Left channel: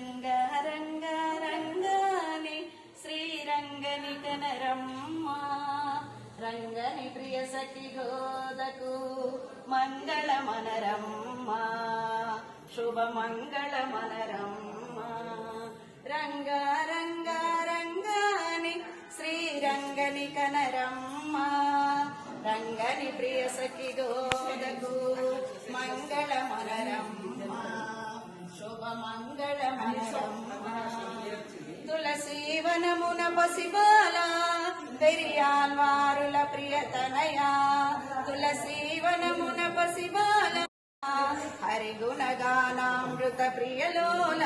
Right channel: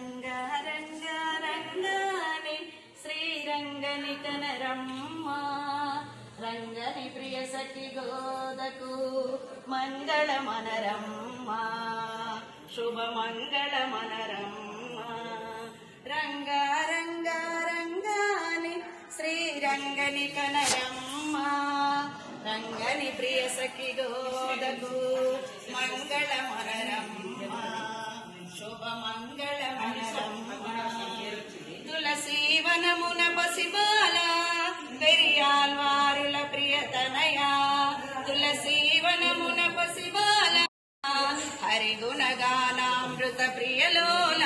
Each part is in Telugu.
రంగ రంగ రంగాని శ్రీరంగని కనరమ్మ రంగని ప్రియ సఖి గోదకు మంగళ మనరమ్మ. శుభ మంగళ మనరమ్మ. రంగ రంగ రంగాని శ్రీరంగని కనరమ్మ రంగని ప్రియ సఖి గోదకు మంగళ మనరమ్మ. తులసీవనమున పసిబాల పెరియాల్వారుల ప్రియతనయా. తులసీవనమున పసిబాల హరిగుణగానామృత ప్రియలోల.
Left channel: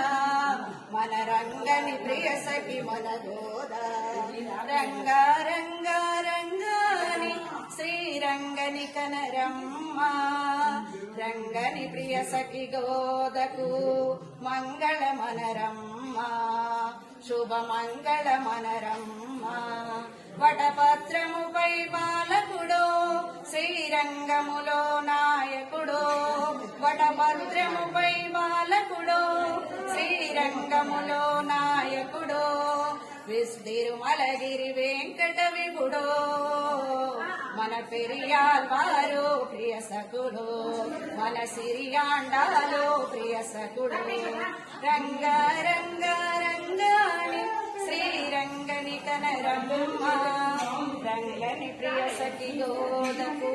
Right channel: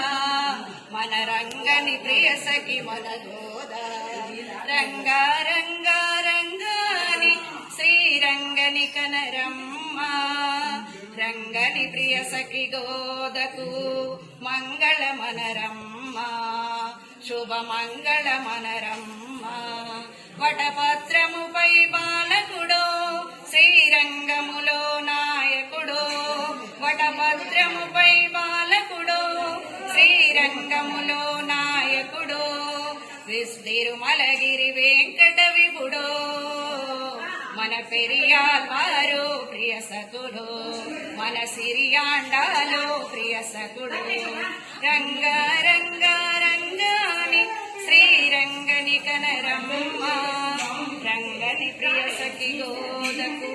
మన రంగని ప్రియ సఖి మన గోద రంగ రంగ రంగాని శ్రీరంగని కనరమ్మ. రంగని ప్రియ సఖి గోదకు మంగళ మనరమ్మ. శుభ మనరమ్మ వటపత్రముపై బాలకుడో శ్రీరంగములో నాయకుడో. వటభద్రముపై బాలకుడో శ్రీరంగములో నాయకుడో. విస్తిరుమలగిరి వెంకట విభుడో. మన పెరియాల్వారు ప్రియ సకుడు. మన సిరియాండాలో ప్రియ సకుడు. రంగారంగ కనరమ్మ రంగని ప్రియ సఖి గోదకు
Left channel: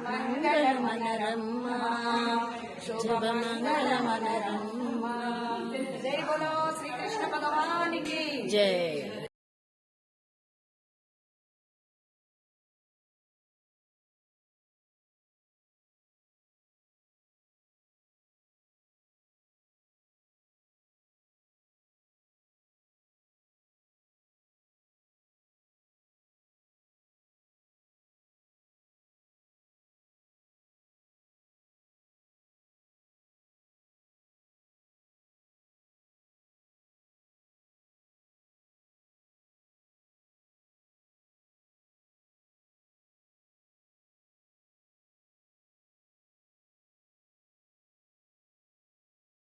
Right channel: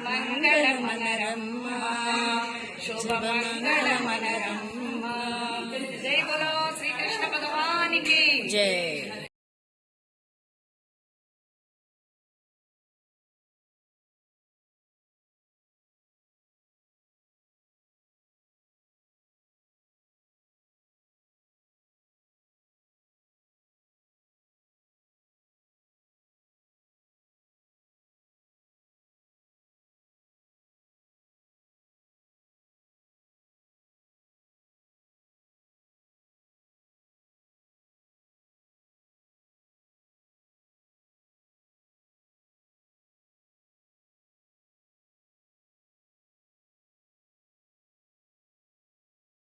మంగళ మనరమ్మ శుభ మంగళ మనరమ్మ జై బోలో శ్రీకృష్ణ భగవానికి. జై.